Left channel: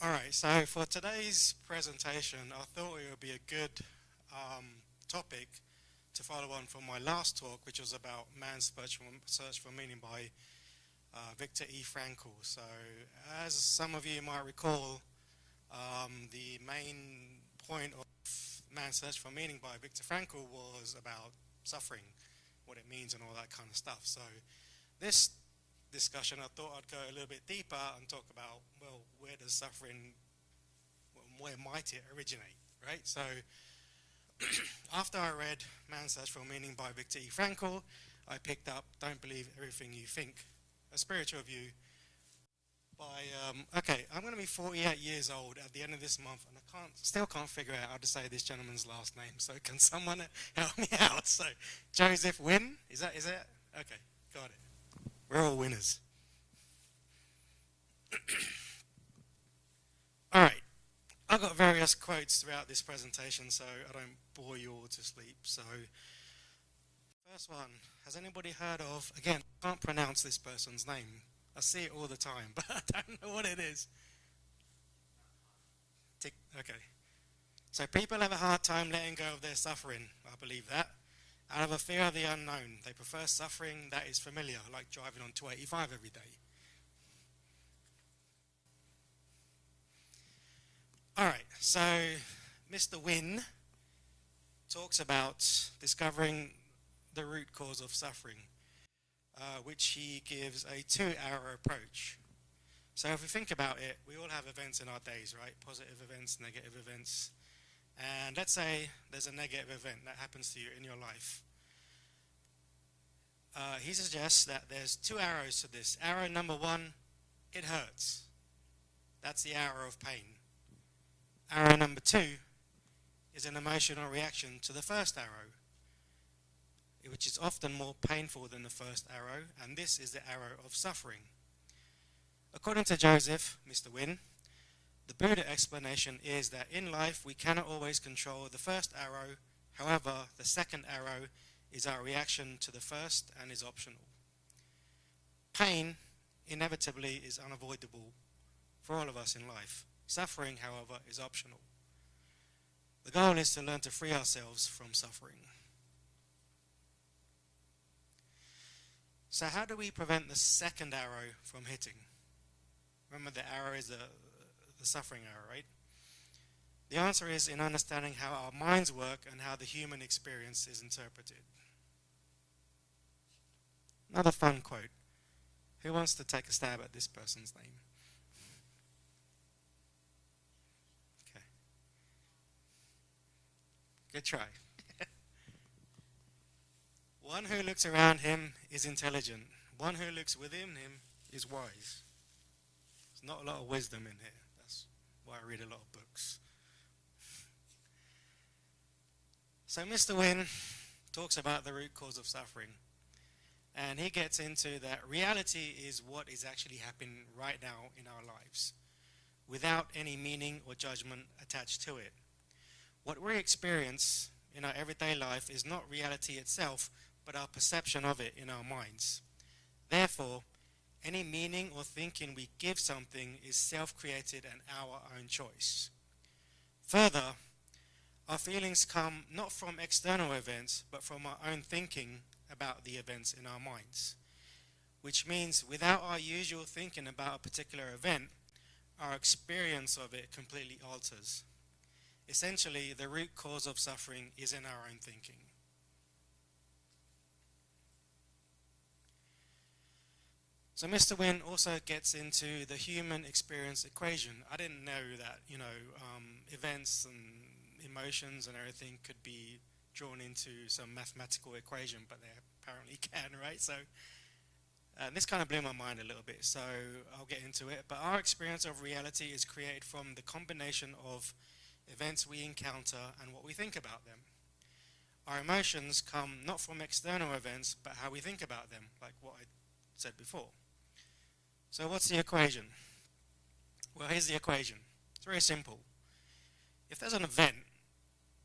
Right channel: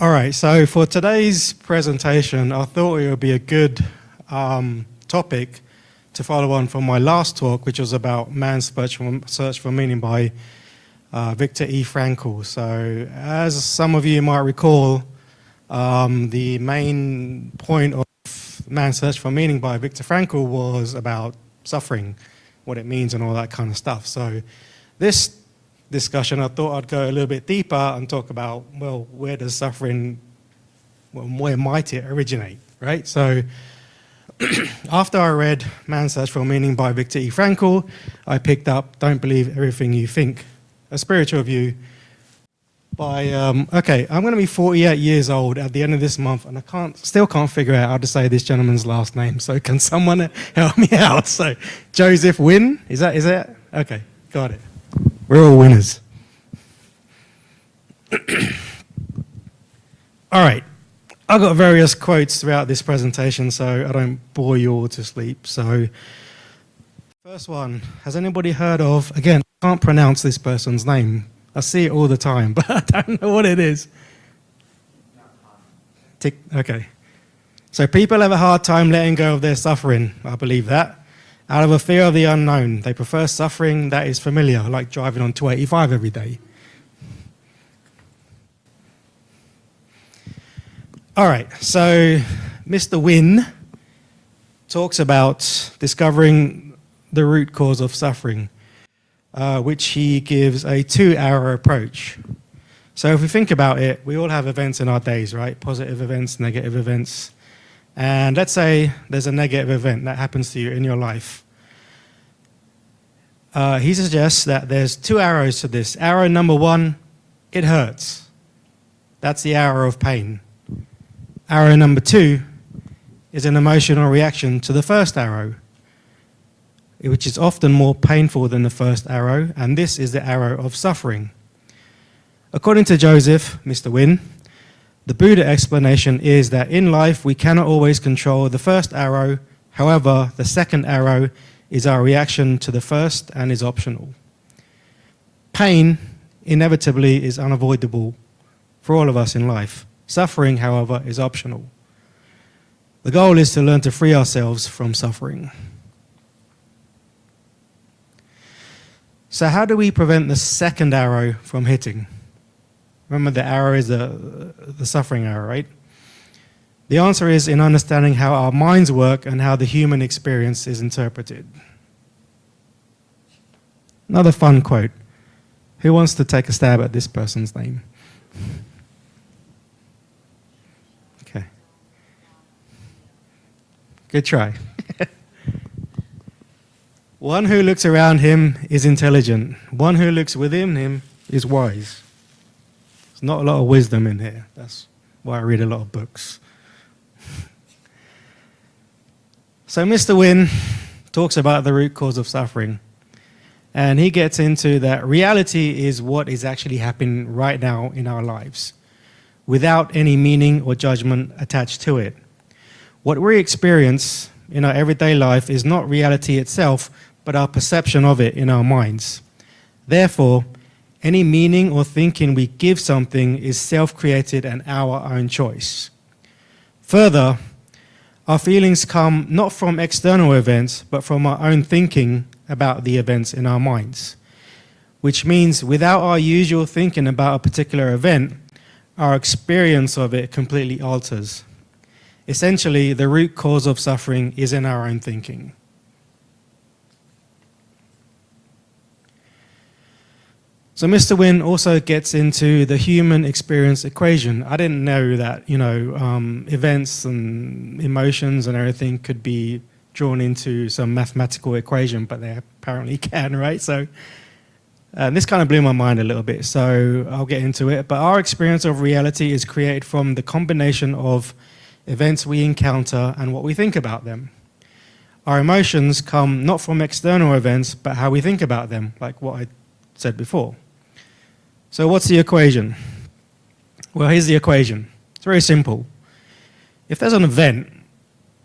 All right, so for today's presentation, I thought it would be a good topic to follow on from my last talk, which was about man's search for meaning by Viktor E. Frankl. So as some of you might recall, the main point of Man's Search for Meaning by Viktor Frankl was about suffering, what it means and all that kind of stuff. So this discussion, I thought I'd go a little bit deeper and talk about, well, where does suffering, well, where might it originate, right? So after I read Man's Search for Meaning by Viktor E. Frankl, I picked up Don't Believe Everything You Think, a spiritual view by, okay, I'm going to be 48 years old at the end of this month, and I still can't figure out how to say this gentleman's last name, so can someone help me out? So, Joseph Wynn, is that? Okay, got it. We're all winners. All right, I've got various quotes throughout this presentation, so I don't bore you all to sleep. So, first one, has anybody heard of, again, I can't pronounce this person's name. I see it all the time, but I don't know what it is. Okay. So people have a hard time letting go of their suffering. I believe that. Out of a fear of the unknown. They prefer suffering that is familiar, like driving on 285 every day. All right, so Mr. Wynn talks about discovering the root cause of suffering, which he gives a 2-hour approach. So if we think about it, we all have events in our days, right? Positive events, negative events. And let's say there's a negative event that happens to you in your life. He suggests that there's 2 arrows to this. Arrow number 1, it hurts. That's the arrow of pain. Arrow number 2 is an emotional reaction to the first arrow, which is often more painful than the first arrow, and this is the arrow of suffering. According to Joseph, Mr. Wynn, the Buddha explanation is that in life we cannot always control the first arrow. However, the second arrow is our reaction to the first and is optional. Pain inevitably is unavoidable for all of us in life. Suffering, however, is optional. The goal is to learn to free ourselves from suffering. So how do we prevent the second arrow from hitting? Remember, the arrow is the suffering arrow, right? The answer is in understanding how our minds work and how the human experience is interpreted. Another fun quote. Who wants to take a stab at this person's name? Okay. Good try. One who looks around him is intelligent. One who looks within him is wise. There's not a lot of wisdom in here. That's why I read a lot of books. So Mr. Wynn talks about the root cause of suffering. And he gets into that reality is what is actually happening right now in our lives, without any meaning or judgment attached to it. What we experience in our everyday life is not reality itself, but our perception of it in our minds. Therefore, any meaning or thinking we give something is self-created and our own choice. Further, our feelings come not from external events, but from our own thinking about the events in our minds, which means without our usual thinking about a particular event, our experience of it completely alters. Essentially, the root cause of suffering is in our own thinking. So Mr. Wynn also gets into the human experience equation. I didn't know that, events and emotions and everything could be drawn into some mathematical equation, but they apparently can, right? So this kind of blew my mind a little bit, so I'll get into it. But our experience of reality is created from the combination of events we encounter and what we think about them. Our emotions come not from external events, but how we think about them, like what I said before. So what's the equation? Well, here's the equation. It's very simple. If there's an event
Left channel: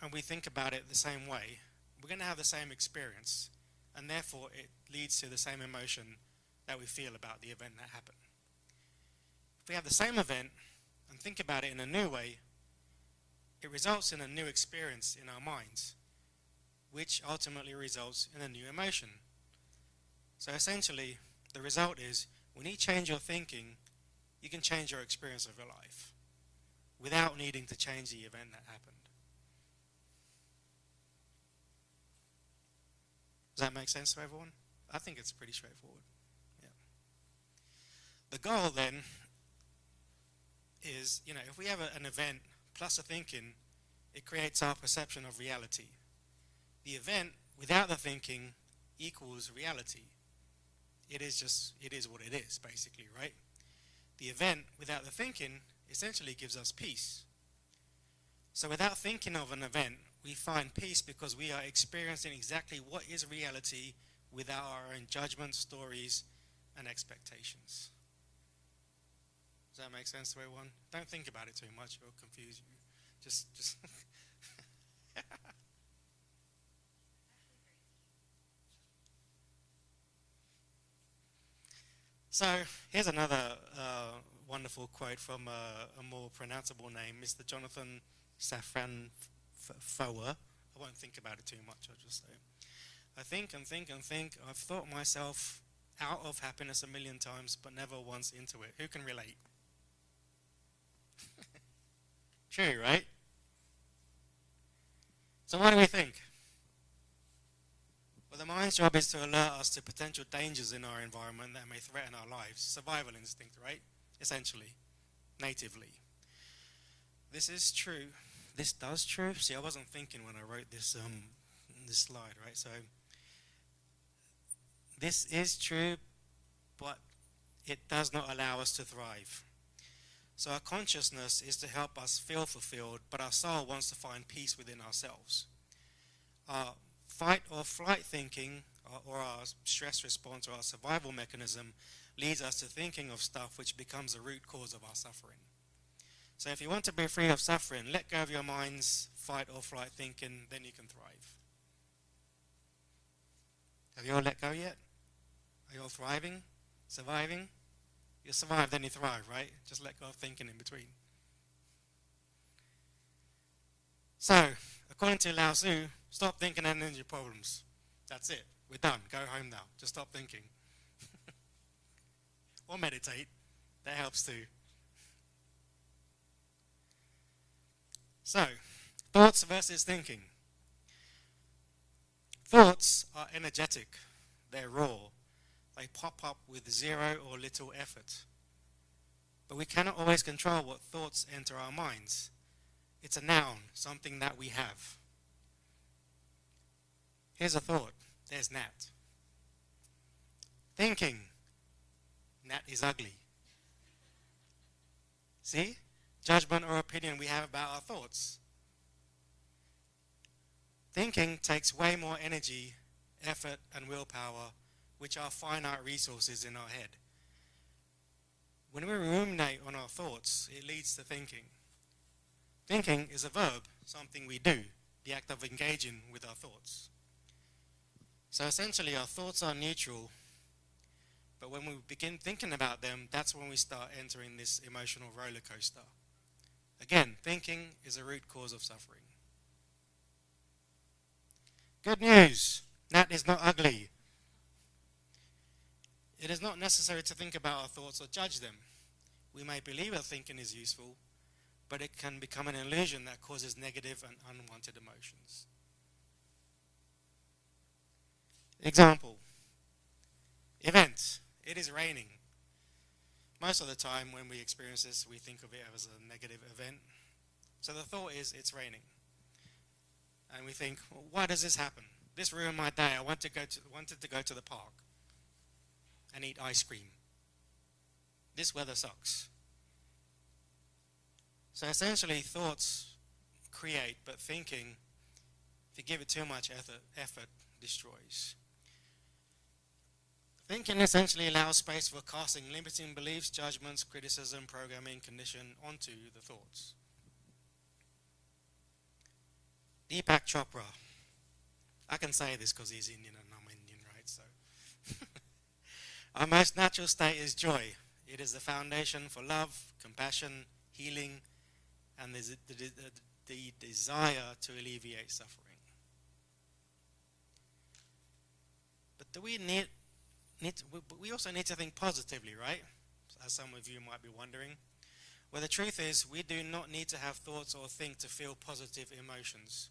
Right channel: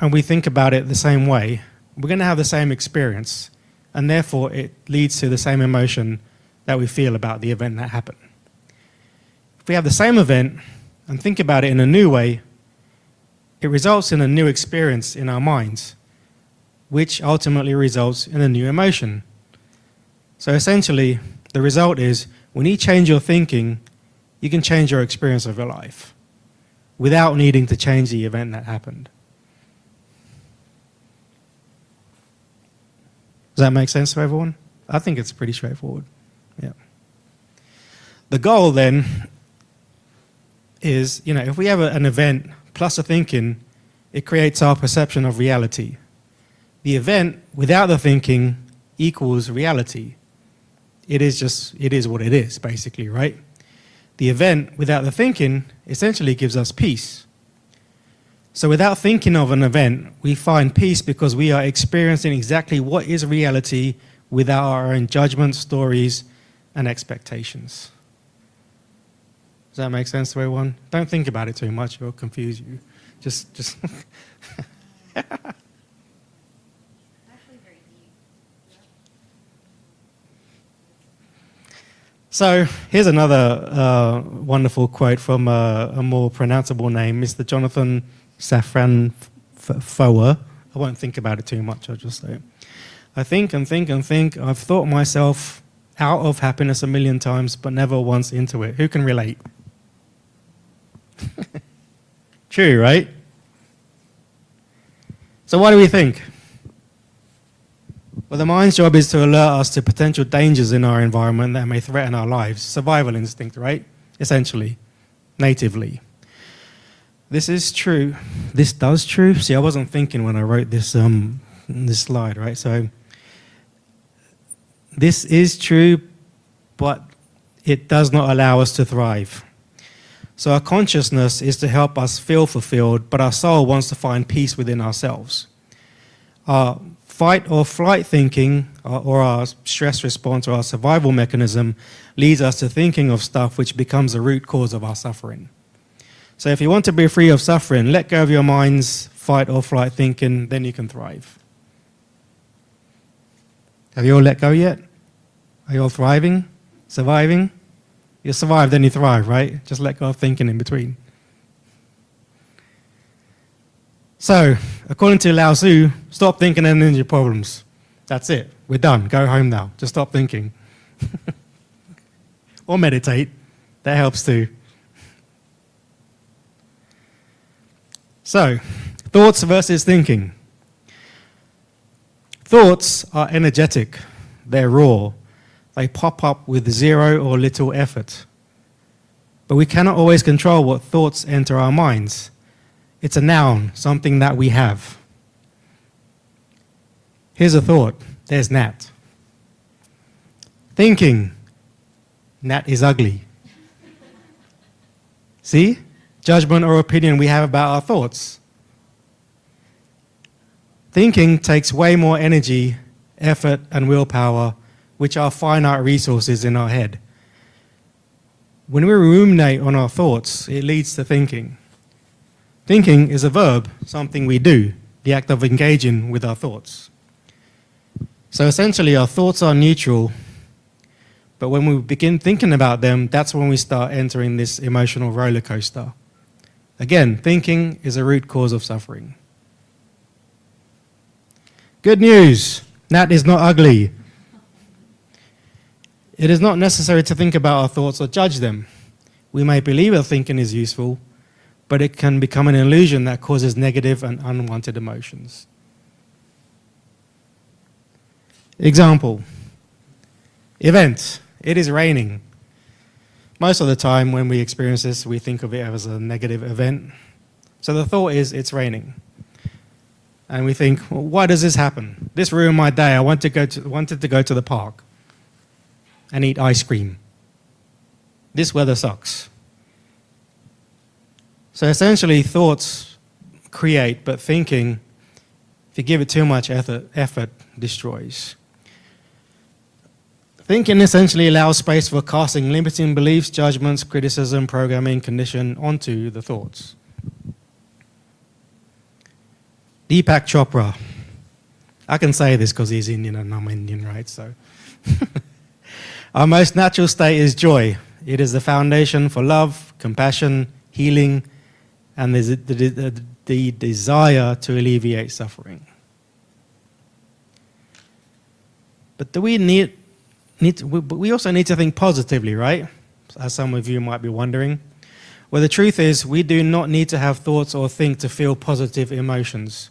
and we think about it the same way, we're going to have the same experience, and therefore it leads to the same emotion that we feel about the event that happened. If we have the same event and think about it in a new way, it results in a new experience in our minds, which ultimately results in a new emotion. So essentially, the result is when you change your thinking, you can change your experience of your life without needing to change the event that happened. Does that make sense to everyone? I think it's pretty straightforward. Yeah. The goal then is, if we have an event plus a thinking, it creates our perception of reality. The event without the thinking equals reality. It is what it is, basically, right? The event without the thinking essentially gives us peace. So without thinking of an event, we find peace because we are experiencing exactly what is reality without our own judgments, stories, and expectations. Does that make sense to everyone? Don't think about it too much, it'll confuse you. Just So here's another wonderful quote from a more pronounceable name, Mr. Jonathan Safran Foer. I won't think about it too much, I'll just say it. I think and think and think. I've thought myself out of happiness a million times, but never once into it. Who can relate? True, right? So what do we think? Well, the mind's job is to alert us to potential dangers in our environment that may threaten our lives. Survival instinct, right? Essentially, natively. This is true. This does true. See, I wasn't thinking when I wrote this slide, right? So this is true, but it does not allow us to thrive. So our consciousness is to help us feel fulfilled, but our soul wants to find peace within ourselves. Our fight or flight thinking, or our stress response, or our survival mechanism leads us to thinking of stuff which becomes the root cause of our suffering. So if you want to be free of suffering, let go of your mind's fight or flight thinking, then you can thrive. Have you all let go yet? Are you all thriving? Surviving? You survive, then you thrive, right? Just let go of thinking in between. So, according to Lao Tzu, stop thinking and end your problems. That's it. We're done. Go home now. Just stop thinking. Or meditate. That helps too. So, thoughts versus thinking. Thoughts are energetic. They're raw. They pop up with zero or little effort. But we cannot always control what thoughts enter our minds. It's a noun, something that we have. Here's a thought. There's Nat. Thinking. Nat is ugly. See? Judgment or opinion we have about our thoughts. Thinking takes way more energy, effort, and willpower, which are finite resources in our head. When we ruminate on our thoughts, it leads to thinking. Thinking is a verb, something we do, the act of engaging with our thoughts. So essentially, our thoughts are neutral, but when we begin thinking about them, that's when we start entering this emotional roller coaster. Again, thinking is a root cause of suffering. Good news, Nat is not ugly. It is not necessary to think about our thoughts or judge them. We may believe our thinking is useful, but it can become an illusion that causes negative and unwanted emotions. Example, event, it is raining. Most of the time when we experience this, we think of it as a negative event. So the thought is, it's raining. And we think, well, why does this happen? This ruined my day. I wanted to go to the park and eat ice cream. This weather sucks. So essentially, thoughts create, but thinking, if you give it too much effort, destroys. Thinking essentially allows space for casting limiting beliefs, judgments, criticism, programming, condition onto the thoughts. Deepak Chopra. I can say this because he's Indian and I'm Indian, right? So, our most natural state is joy. It is the foundation for love, compassion, healing, and there's the desire to alleviate suffering. But we also need to think positively, right? As some of you might be wondering. Well, the truth is, we do not need to have thoughts or think to feel positive emotions.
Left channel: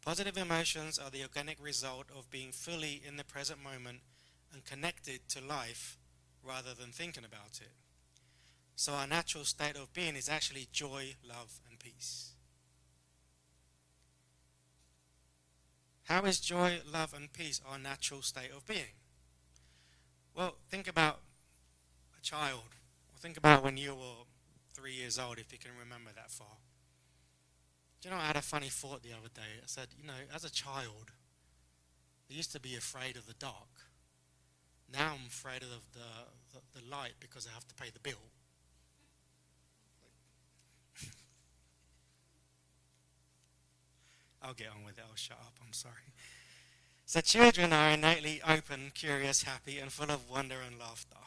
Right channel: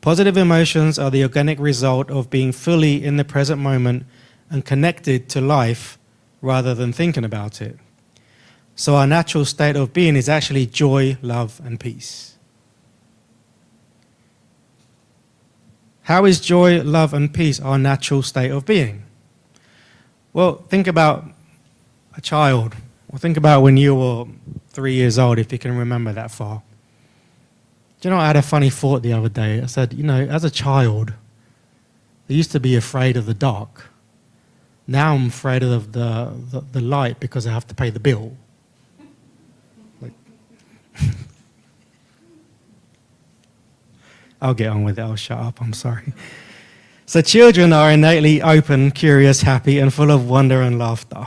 Positive emotions are the organic result of being fully in the present moment and connected to life rather than thinking about it. So our natural state of being is actually joy, love, and peace. How is joy, love, and peace our natural state of being? Well, think about a child, or think about when you were 3 years old, if you can remember that far. Do you know, I had a funny thought the other day. I said, as a child, I used to be afraid of the dark. Now I'm afraid of the light because I have to pay the bill. I'll get on with it. I'll shut up. I'm sorry. So children are innately open, curious, happy, and full of wonder and laughter.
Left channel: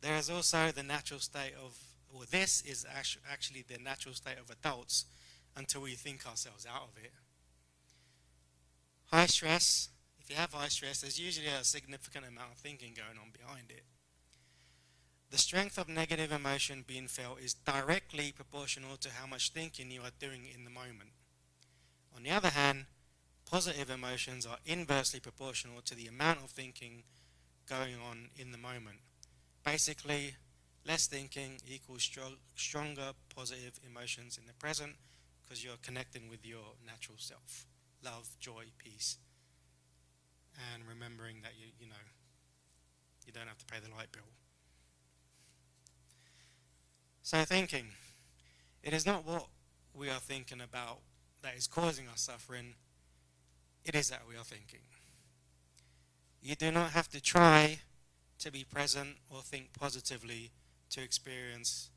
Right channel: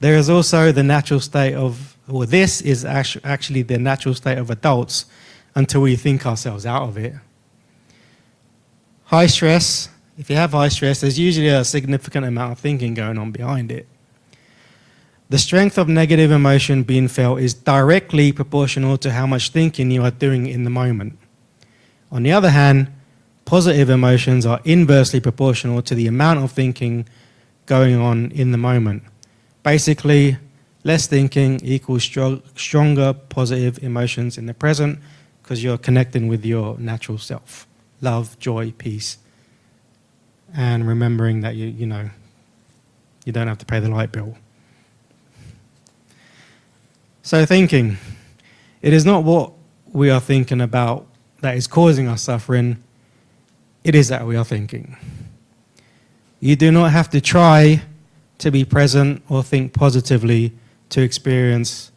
There is also the natural state of, or this is actually the natural state of adults until we think ourselves out of it. High stress, if you have high stress, there's usually a significant amount of thinking going on behind it. The strength of negative emotion being felt is directly proportional to how much thinking you are doing in the moment. On the other hand, positive emotions are inversely proportional to the amount of thinking going on in the moment. Basically, less thinking equals stronger positive emotions in the present because you're connecting with your natural self. Love, joy, peace, and remembering that you don't have to pay the light bill. So thinking, it is not what we are thinking about that is causing us suffering, it is that we are thinking. You do not have to try to be present or think positively to experience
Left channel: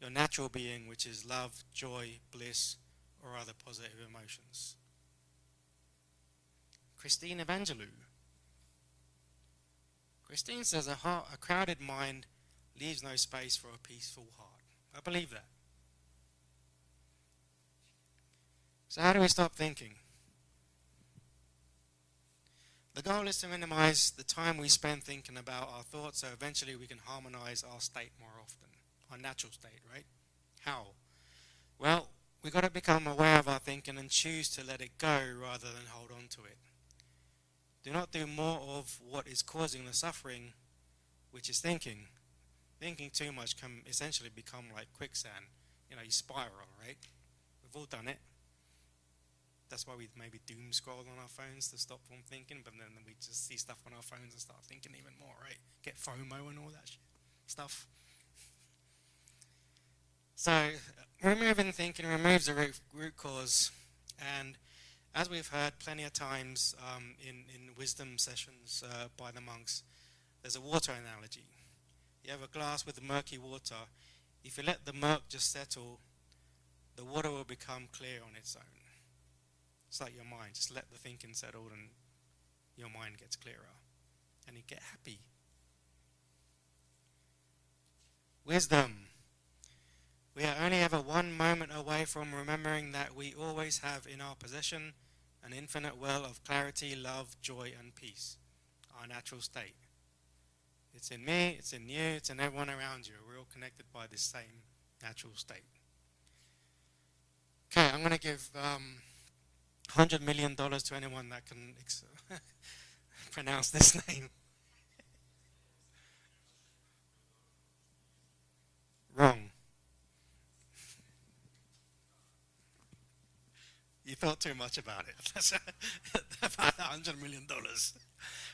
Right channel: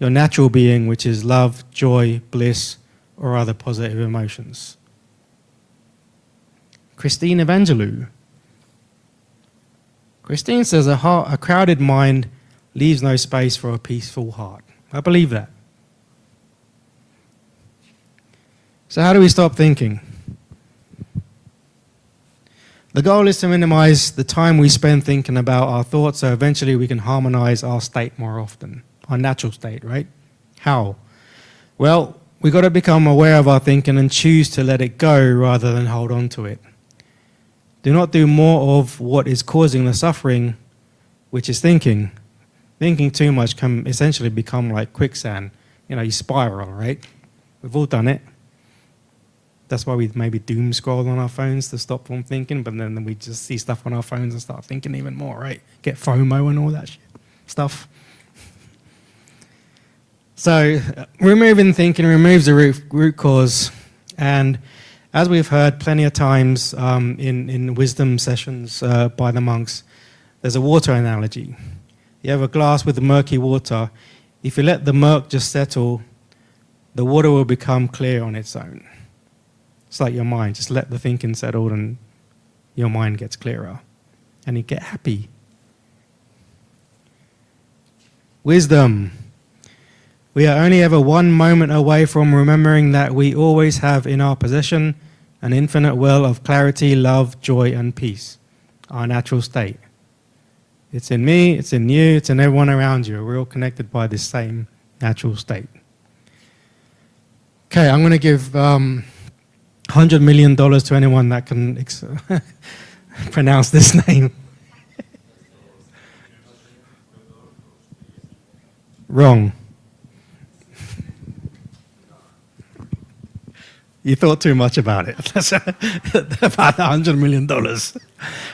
your natural being, which is love, joy, bliss, or other positive emotions. Christine Evangelou. Christine says a crowded mind leaves no space for a peaceful heart. I believe that. So how do we stop thinking? The goal is to minimize the time we spend thinking about our thoughts so eventually we can harmonize our state more often, our natural state, right? How? Well, we've got to become aware of our thinking and choose to let it go rather than hold on to it. Do not do more of what is causing the suffering, which is thinking. Thinking too much can essentially become like quicksand. You spiral, right? We've all done it. That's why we maybe doom scroll on our phones to stop from thinking, but then we just see stuff on our phones and start thinking even more, right? Get FOMO and all that stuff. So removing thinking removes the root cause. And as we've heard plenty of times in wisdom sessions by the monks, there's a water analogy. You have a glass with murky water. If you let the murk just settle, the water will become clear on its own. It's like your mind. Just let the thinking settle and your mind gets clearer. And you get happy. Wisdom. We are only ever one moment away from remembering that we always have in our possession an infinite well of clarity, love, joy, and peace, our natural state. It's in me, it's in you, it's in everyone around you. We're all connected by this same natural state. Okay, I'm going to give $100 million to anyone that can pronounce this name. Wrong. You thought too much about it. That's about $100 million.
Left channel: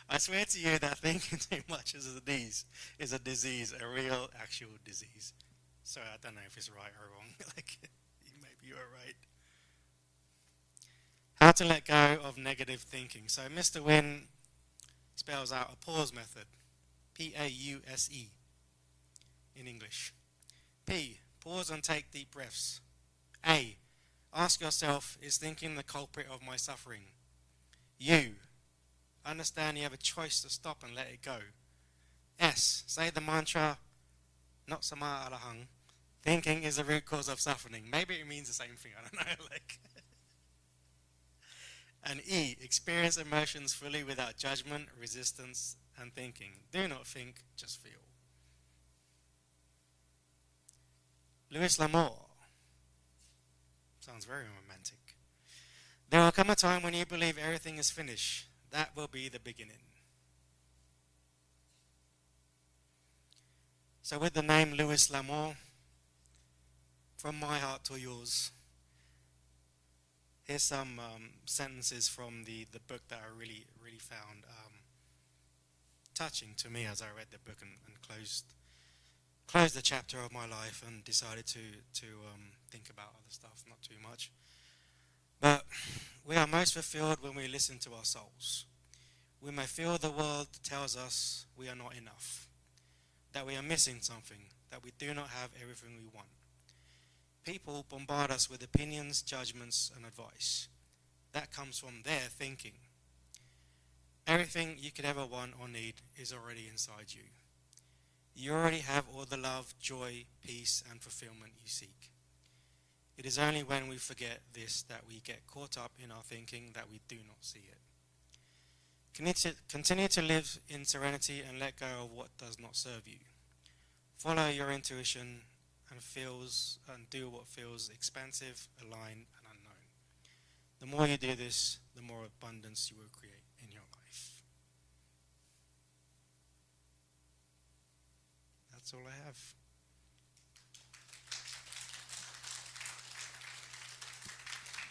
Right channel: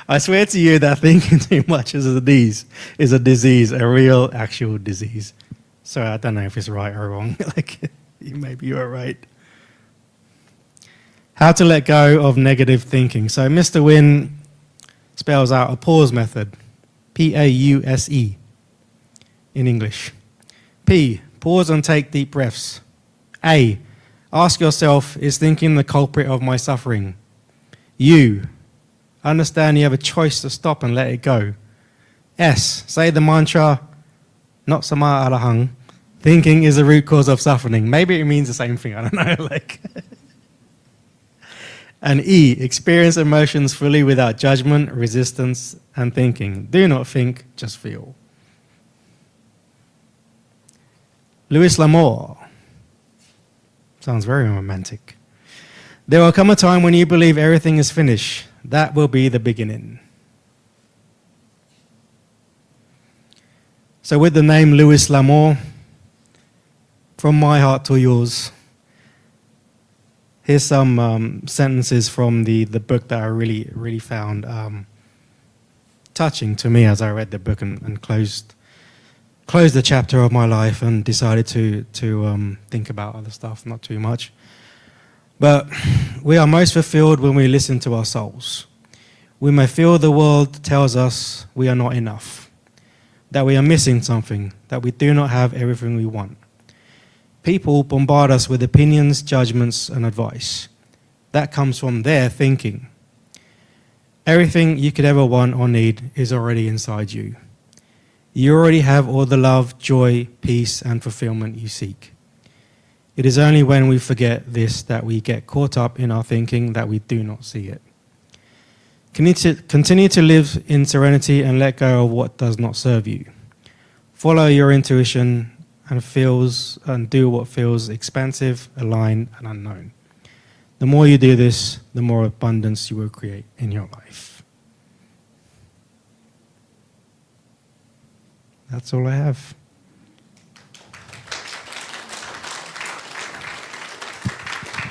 I swear to you that thinking too much is a disease, a real, actual disease. So I don't know if it's right or wrong. Maybe you're right. How to let go of negative thinking. So Mr. Wynn spells out a pause method, P-A-U-S-E in English. P, pause and take deep breaths. A, ask yourself, is thinking the culprit of my suffering? U, understand you have a choice to stop and let it go. S, say the mantra, not sama arahang, Thinking is the root cause of suffering. Maybe it means the same thing. I don't know. And E, experience emotions fully without judgment, resistance, and thinking. Do not think, just feel. Louis L'Amour. Sounds very romantic. There will come a time when you believe everything is finished. That will be the beginning. So with the name Louis L'Amour, from my heart to yours, here's some sentences from the book that I really found touching to me as I read the book and closed the chapter of my life and decided to think about other stuff, not too much. But we are most fulfilled when we listen to our souls. We may feel the world tells us we are not enough, that we are missing something, that we do not have everything we want. People bombard us with opinions, judgments, and advice. That comes from their thinking. Everything you could ever want or need is already inside you. You already have all the love, joy, peace, and fulfillment you seek. It is only when we forget this that we get caught up in our thinking that we do not see it. Continue to live in serenity and let go of what does not serve you. Follow your intuition and do what feels expansive, aligned, and unknown. The more you do this, the more abundance you will create in your life. That's all I have.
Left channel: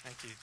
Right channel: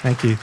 Thank you.